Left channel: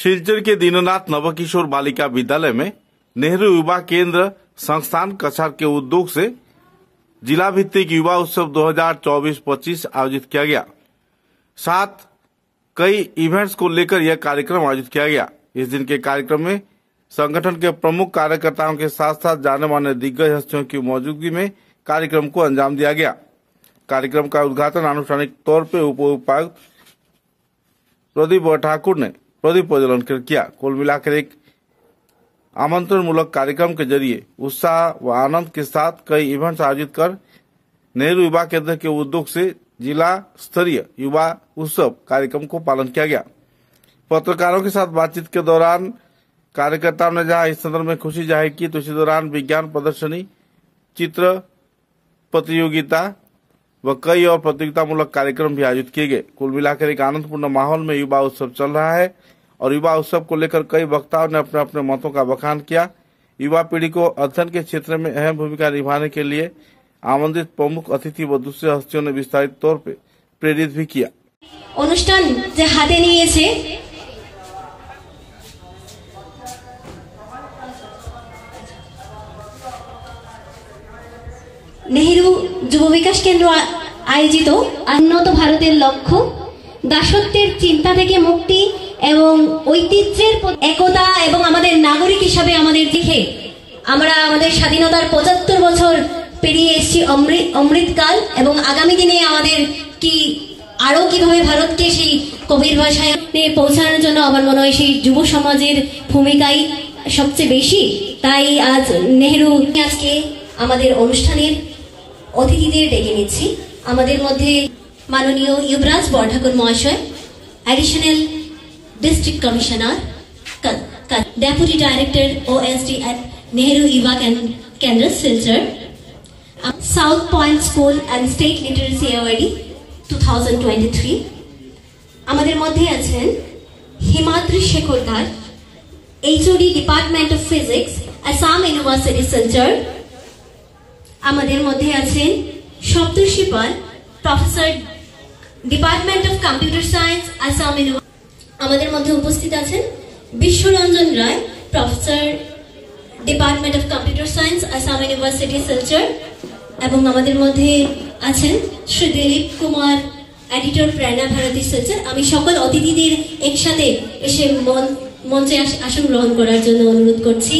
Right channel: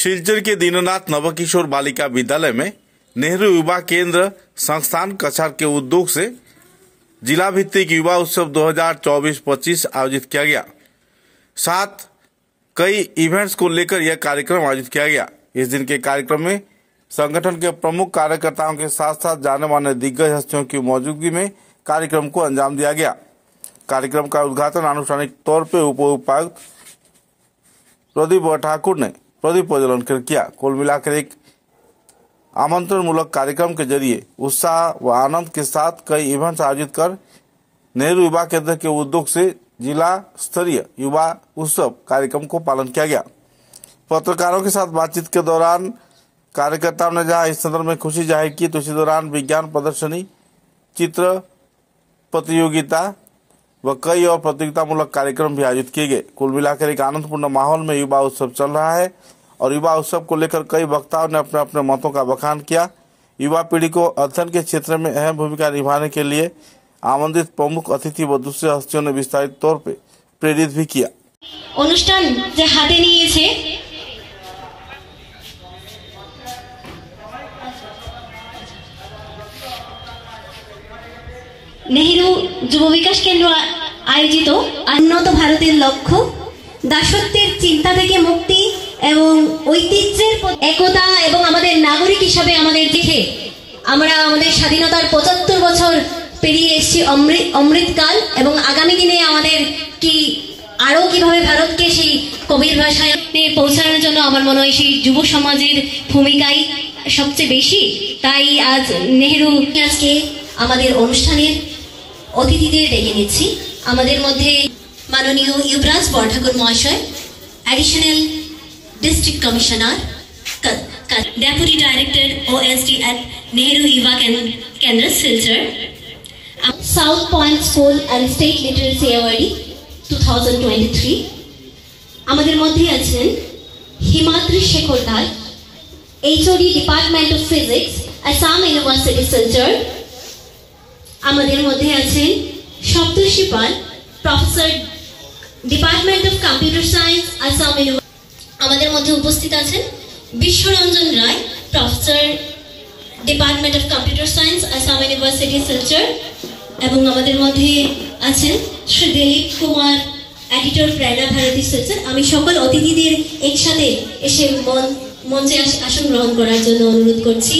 शिलचर के दीननाथ नवकिशोर बालिका विद्यालय में नेहरू युवा केंद्र संस्थान कछार के उद्योग से जिला भित्तिक युवा उत्सव 2024-25 आयोजित किया गया। साथ कई इवेंट्स को लेकर यह कार्यक्रम आयोजित किया गया। इस दिन के कार्यक्रम में संगठन के प्रमुख कार्यकर्ताओं के साथ साथ जाने माने दिग्गज हस्तियों की मौजूदगी में कार्यक्रम को अंजाम दिया गया। कार्यक्रम का उद्घाटन आनुষ্ঠাनिक तौर पर उपायुक्त प्रदीप ठाकुर ने प्रदीप प्रज्वलन कर किया। कुल मिलाकर एक आमंत्रण मूलक कार्यक्रम के जरिए उत्साह व आनंद के साथ कई इवेंट्स आयोजित कर नेहरू युवा केंद्र के उद्योग से जिला स्तरीय युवा उत्सव कार्यक्रम को पालन किया गया। पत्रकारों के साथ बातचीत के दौरान कार्यकर्ताओं ने जहां इस संदर्भ में खुशी जाहिर की, तो इसी दौरान विज्ञान प्रदर्शनी, चित्र प्रतियोगिता व कई और प्रतियोगितामूलक कार्यक्रम भी आयोजित किए गए। कुल मिलाकर एक आनंदपूर्ण माहौल में युवा उत्सव चल रहा है और युवा उत्सव को लेकर कई वक्ताओं ने अपने अपने मतों का बखान किया। युवा पीढ़ी को अध्ययन के क्षेत्र में अहम भूमिका निभाने के लिए आमंत्रित प्रमुख अतिथि व दूसरे हस्तियों ने विस्तारित तौर पर प्रेरित भी किया। অনুষ্ঠান যে হাতে নিয়েছে নেহেরু যুব বিকাশ কেন্দ্র আয়োজিত উন্নত ভারতের লক্ষ্য, দাসত্বের চিন্তা থেকে মুক্তি এবং ঐতিহ্যের একতা এবং আমাদের নাগরিক হিসাবে আমাদের দেখে আমরা আমাদের স্বাধীনতার ৭৫ বছর পেরিয়ে এসেছি অমৃতকাল এবং আগামী দিনে আমাদের কি আরো কিভাবে ভারতকে সেই কবির ভাষায় পৌঁছানোর জন্য আমার মনে হয় সেই যুব সমাজের ভূমিকাই সবচেয়ে বেশি। তাই আজ নেহেরু আজকে আমাদের অনুষ্ঠানের অতিথিদের ডেকে নিচ্ছি। আমাদের মধ্যে মাননীয় युवराज বরঠাকুর মহাশয়, additional district commissioner, deputy director OSD at Nehru Yuva Kendra Silchar, south point school and state literacy award 2023। আমাদের মধ্যে আছেন Himadri Shekhar Das, HOD department of physics, Assam university Silchar. আমাদের মধ্যে আছেন Saptarshi Pal, professor department of computer science, Assam university. আমাদের মধ্যে উপস্থিত আছেন Biswaranjan Roy, professor department of computer science, Assam university Silchar. এবং আমাদের মধ্যে আছেন শ্রী দিলীপ কুমার, এডিটর, প্রেরণা ভারতী শিলচর। আমি সকল অতিথিদের একসাথে এসে মঞ্চে আসন গ্রহণ করার জন্য অনুরোধ করছি।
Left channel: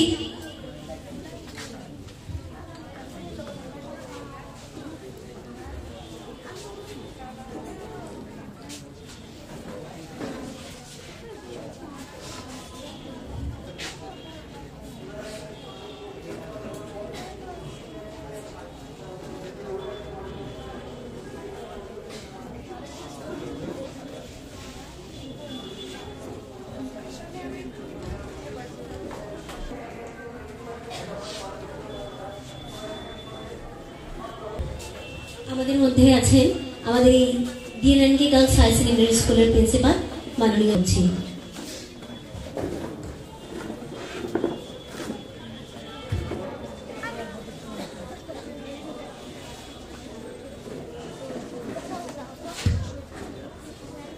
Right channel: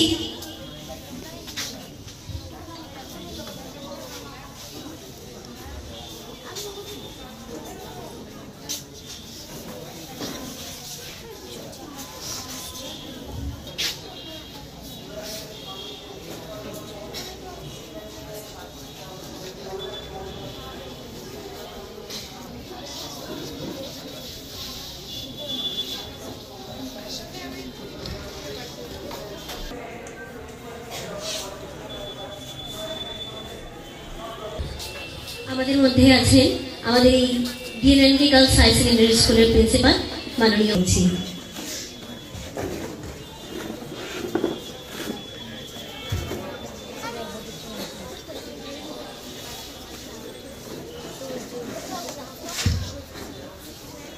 আমাদের মধ্যে আছেন আমাদের এই ডিএনএনকে গার্লস হাই সেকেন্ডারি স্কুলের প্রিন্সিপাল মাননীয় জি।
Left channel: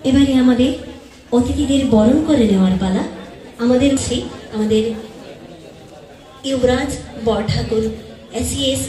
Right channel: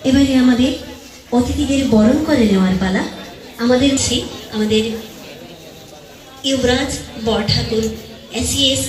এবারে আমাদের অতিথিদের বরণ করে নেওয়ার পালা। আমাদের युवराज বরঠাকুর SES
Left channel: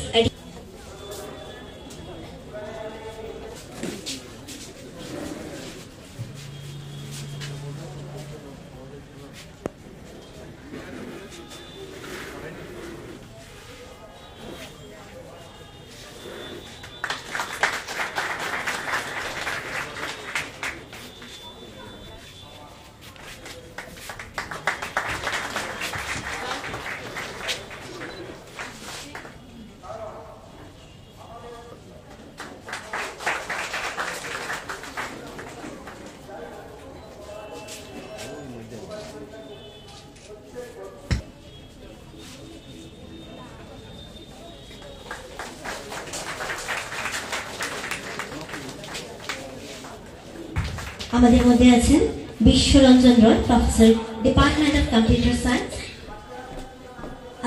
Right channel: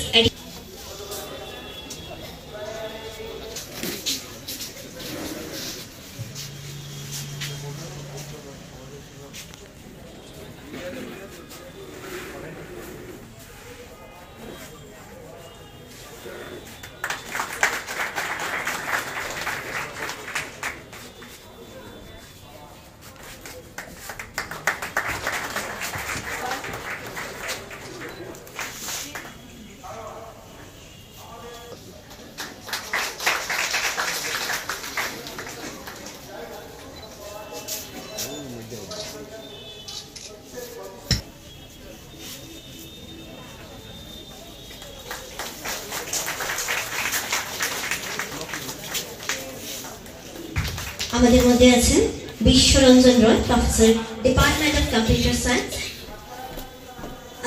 আমাদের মধ্যে আছেন Biswaranjan Roy, professor department of computer science,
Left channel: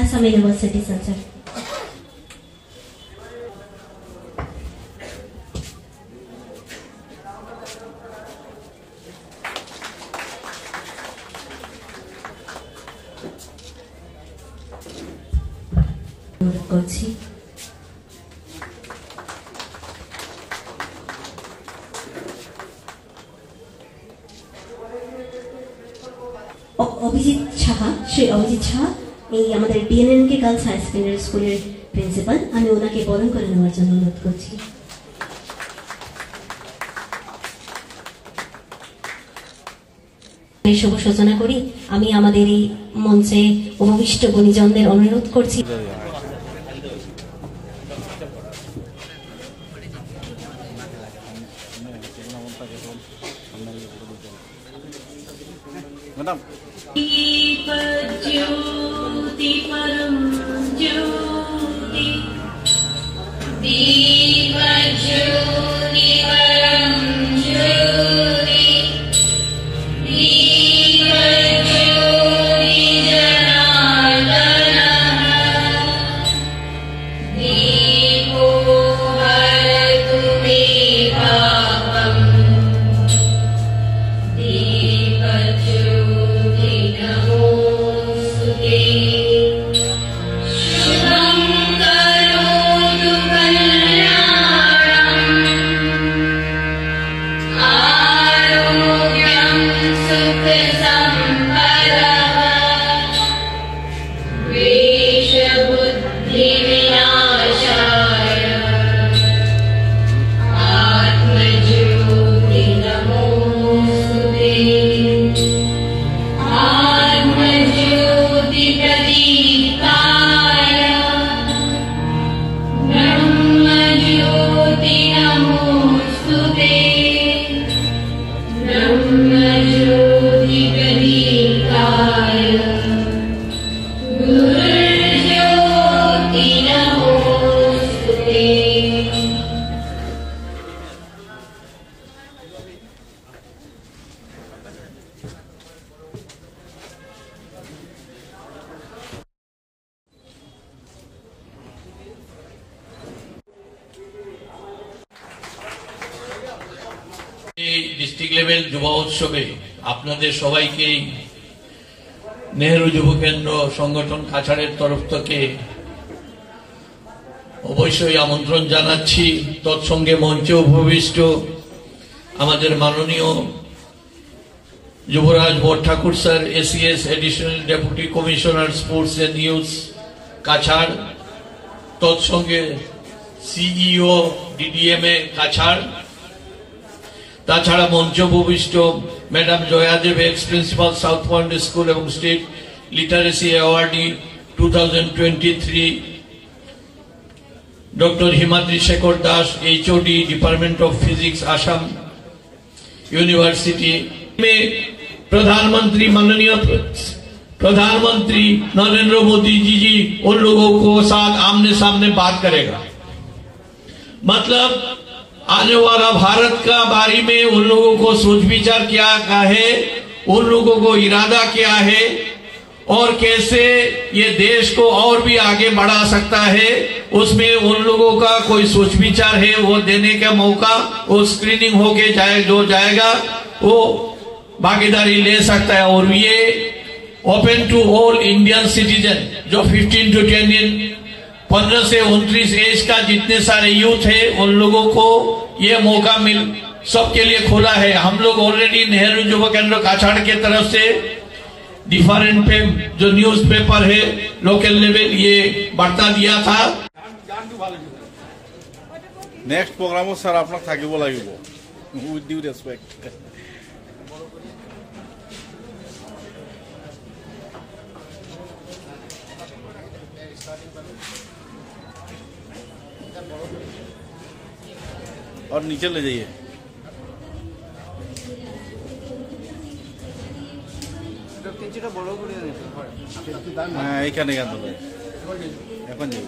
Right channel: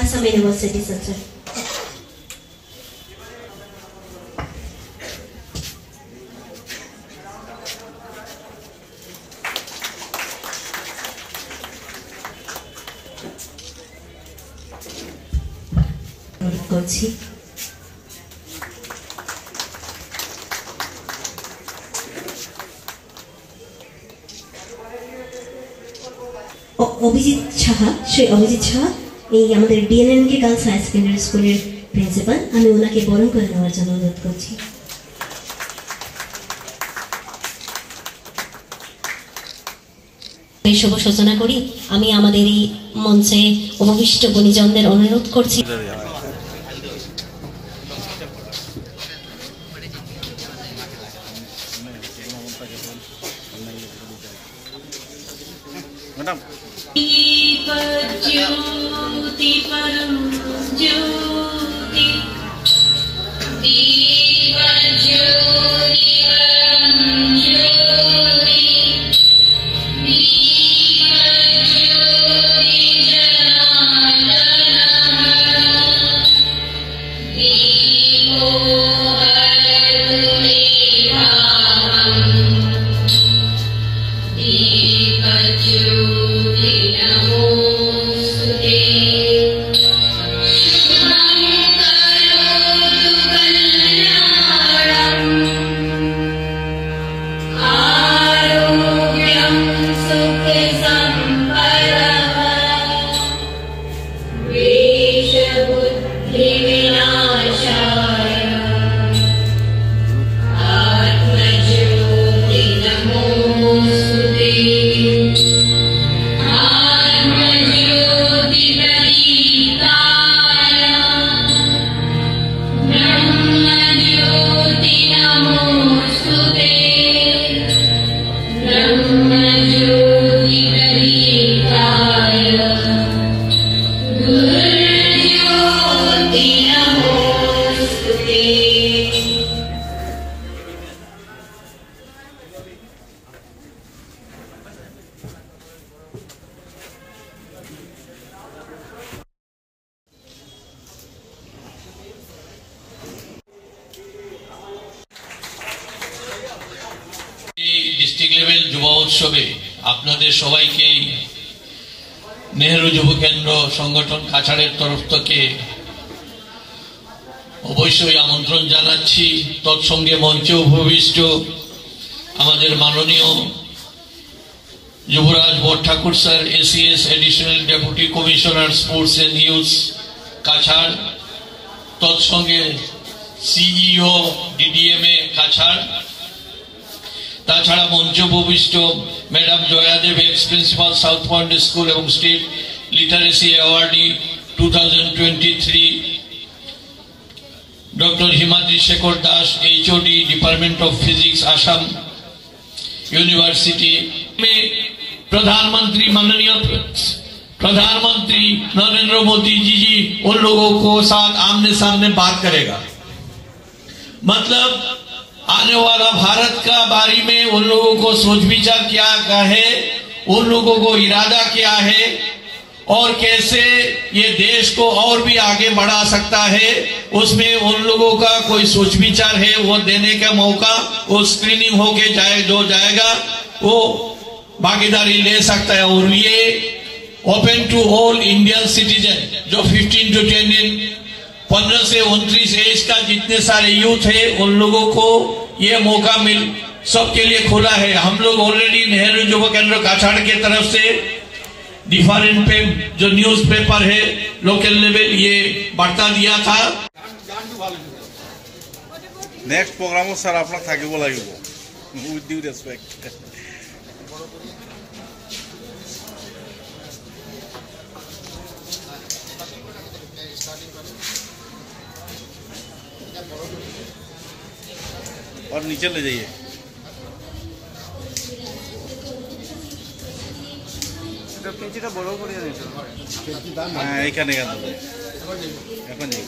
Assam university Silchar. অনুরোধ করছি। অভিজিৎ সাহা, শ্রী অভিজিৎ সাহা, এই আমাদের ডিএনএনকে গার্লস হাই সেকেন্ডারি স্কুলের প্রিন্সিপাল, আমি ওনাকে বরণ করে নেওয়ার জন্য অনুরোধ করছি। শুভ সূচনা করি। আমি আমাদের এই মঞ্চে উপবিষ্ট গুণীজনদের অনুরোধ করছি मैडम ज्योति परम ज्योति दीप ज्योति परम ज्योति दीप ज्योति जनार्दनः दीपो हरतु मे भावम् दीप ज्योति नमोस्तुते शुभं करोतु कल्याणम् आरोग्यं सुखसम्पदः द्वेषबुद्धिविनाशाय आत्मज्योति नमोस्तुते आत्मज्योति प्रदीप्ताय ब्रह्मज्योति नमोस्तुते ब्रह्मज्योति प्रदीप्ताय गुरुज्योति नमोस्तुते। এই ডিস্ট্রিক্ট লেভেল যুব উৎসবে আপনাদের সবাইকেই নেহেরু যুব কেন্দ্র সংগঠন কাছাড়ের তরফ থেকে অবশ্যই আমন্ত্রণ জানাচ্ছি। তৎসঙ্গে মঞ্চে উপবিষ্ট আমাদের মাননীয় Yuvraj Borthakur sir, ACS additional deputy commissioner sports and youth Cachar, তৎসঙ্গে সিইও ডিডিএমএ কাছাড়, তাছাড়া মঞ্চ উপবিষ্ট madam Jayadeb, ex principal south point school এবং state literacy awardee 2023, doctor Himadri Shekhar Das, HOD department of physics Assam university में प्रधानमंत्री माननीय प्रधानमंत्री नरेंद्र मोदी जी उन लोगों को साथ आमने सामने बात करेगा। मतलब आने वाला भारत का बारे में उन लोगों को सोच विचार क्या है, उन लोगों को इरादा क्या है और कैसे ये देश को और भी आगे बढ़ा सकता है, उसमें उन लोगों का कोई सोच विचार है वो देने का मौका, वो स्क्रीनिंग होके जो जाएगा वो भागीदारी ले सकता है। और ये open to all Indian citizen जो 15 to 15 से 29 एज का जितने सारे यूथ है उन लोगों को ये मौका मिल सबके लिए खुला है। हम लोग ऑलरेडी नेहरू युवा केंद्र काछाड़ के तरफ से डिफरेंट पे जो न्यूज पेपर है लोकल लेवल ये वार्ता दिया था। नेक्स्ट प्रोग्राम सर आपन থাকিব লাগিব উইথ ডিউ রেসপেক্ট। और नीचे ले जाइए। হ্যাঁ এখানে কেন এখন যাই।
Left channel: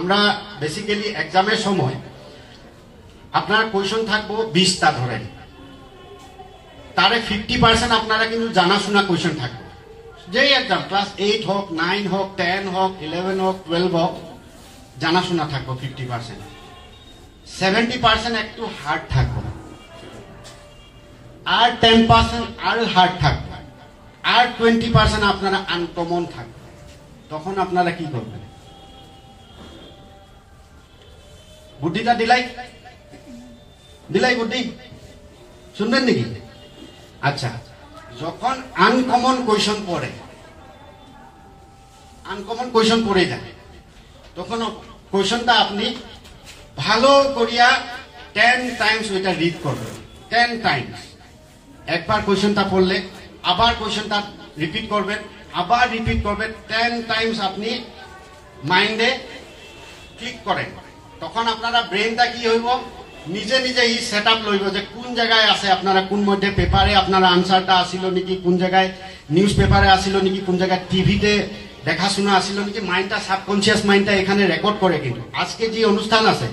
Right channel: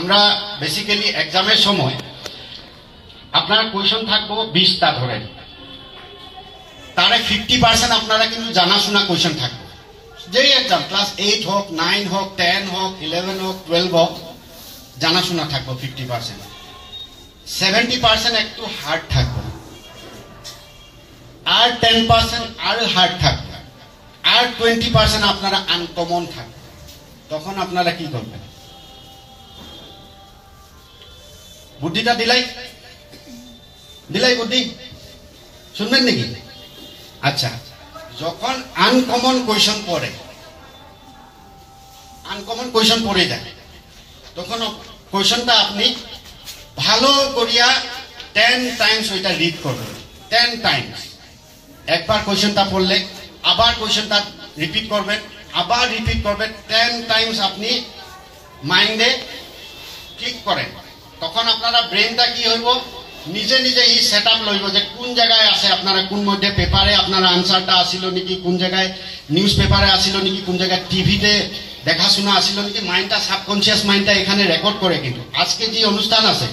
আমরা বেসিক্যালি এক্সামের সময় আপনার কোয়েশন থাকবো 20টা ধরেন, তারে 50% আপনারা কিন্তু জানাশোনা কোয়েশন থাকবে। যেই এক্সাম ক্লাস 8 হোক, 9 হোক, 10 হোক, 11 হোক, 12 হোক, জানাশোনা থাকবো 50%। 70% একটু হার্ড থাকবে, আর 10% আরো হার্ড থাকবে, আর 20% আপনারা আনকমন থাকবে। তখন আপনারা কি করবেন? বুদ্ধিটা দিলাই বুদ্ধি শুনবেন নাকি? আচ্ছা, যখন আনকমন কোয়েশন পড়ে যায়, তখন কোয়েশনটা আপনি ভালো করিয়া 10 টাইমস ওইটা রিড করবেন। 10 টাইমস একবার কোয়েশনটা পড়লে আবার কোয়েশনটা রিপিট করবেন, আবার রিপিট করবেন। 10 টাইমস আপনি মাইন্ডে ঠিক করেন। তখন আপনারা ব্রেনটা কি হইব, নিজে নিজে ই সেট আপ লইব যে কোন জায়গায় আছে আপনারা, কোন মধ্যে পেপারে আপনার আনসারটা আসিল নাকি, কোন জায়গায় নিউজ পেপারে আসিল নাকি, কোন জায়গায় টিভিতে দেখাশোনা আসিল নাকি। মাইন্ডটা, সাবকনসিয়াস মাইন্ডটা এখানে রেকর্ড করে। কিন্তু আজকে যে অনুষ্ঠান আছে,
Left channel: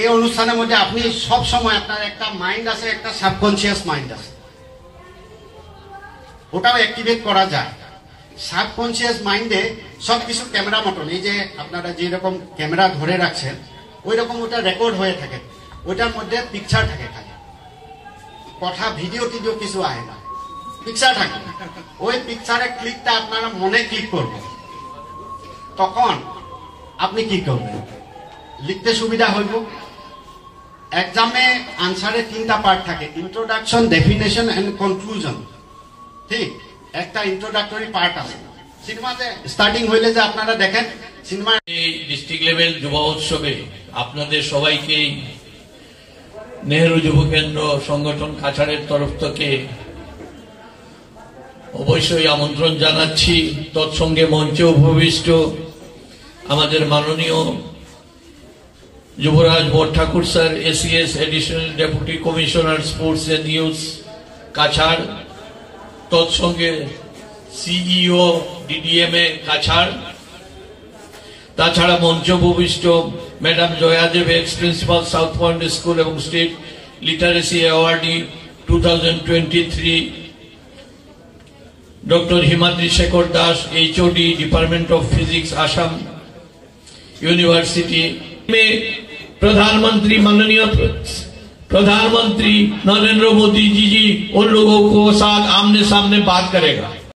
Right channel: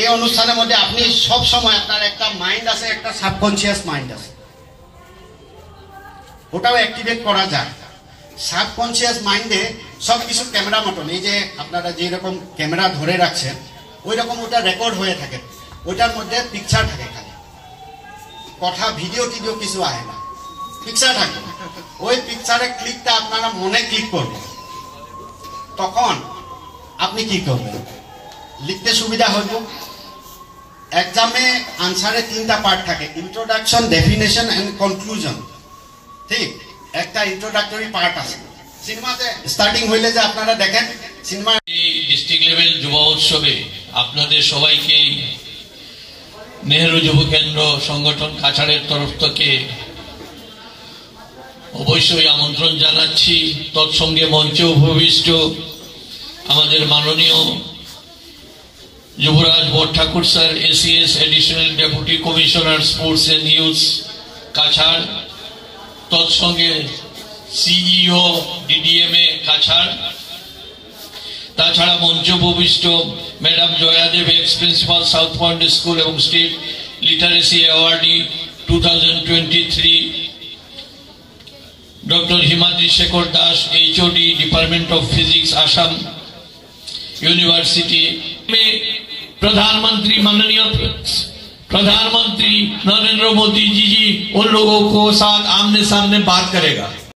এই অনুষ্ঠানের মধ্যে আপনি সব সময় আপনার একটা মাইন্ড আছে, একটা সাবকনসিয়াস মাইন্ড আছে, ওটাও অ্যাক্টিভেট করা যায়। সাবকনসিয়াস মাইন্ডে সবকিছু ক্যামেরা মতন, এই যে আপনারা যেরকম ক্যামেরা ধরে রাখছেন ওই রকম ওটা রেকর্ড হয়ে থাকে। ওটার মধ্যে পিকচার থাকে, খালি কথা ভিডিও টিডিও কিছু আয় না, পিকচার থাকে। ওই পিকচারের ক্লিকটা আপনারা মনে ক্লিক করবেন। তখন আপনি কি করবেন? লিখতে সুবিধা হইব। এক্সামে আনসারে 3টা পার্ট থাকে, ইন্ট্রোডাকশন, ডেফিনেশন এন্ড কনক্লুশন। ঠিক, একটা ইন্ট্রোডাক্টরি পার্ট আছে। সিনেমাতে স্টার্টিং হইলে যে আপনারা দেখেন সিনেমা। এই ডিস্ট্রিক্ট লেভেল যুব উৎসবে আপনাদের সবাইকে নেহেরু যুব কেন্দ্র সংগঠন কাছাড়ের তরফ থেকে অবশ্যই আমন্ত্রণ জানাচ্ছি। তৎসঙ্গে মঞ্চে উপবিষ্ট আমাদের মাননীয় Yuvraj Borthakur sir, ACS additional deputy commissioner sports and youth Cachar, তৎসঙ্গে সিইও ডিডিএমএ কাছাড়, তাছাড়া মঞ্চ উপবিষ্ট madam Jayadeb, ex principal south point school এবং state literacy awardee 2023, doctor Himadri Shekhar Das, HOD department of physics Assam university में प्रधानमंत्री माननीय प्रधानमंत्री नरेंद्र मोदी जी उन लोगों को साथ आमने सामने बात करेगा।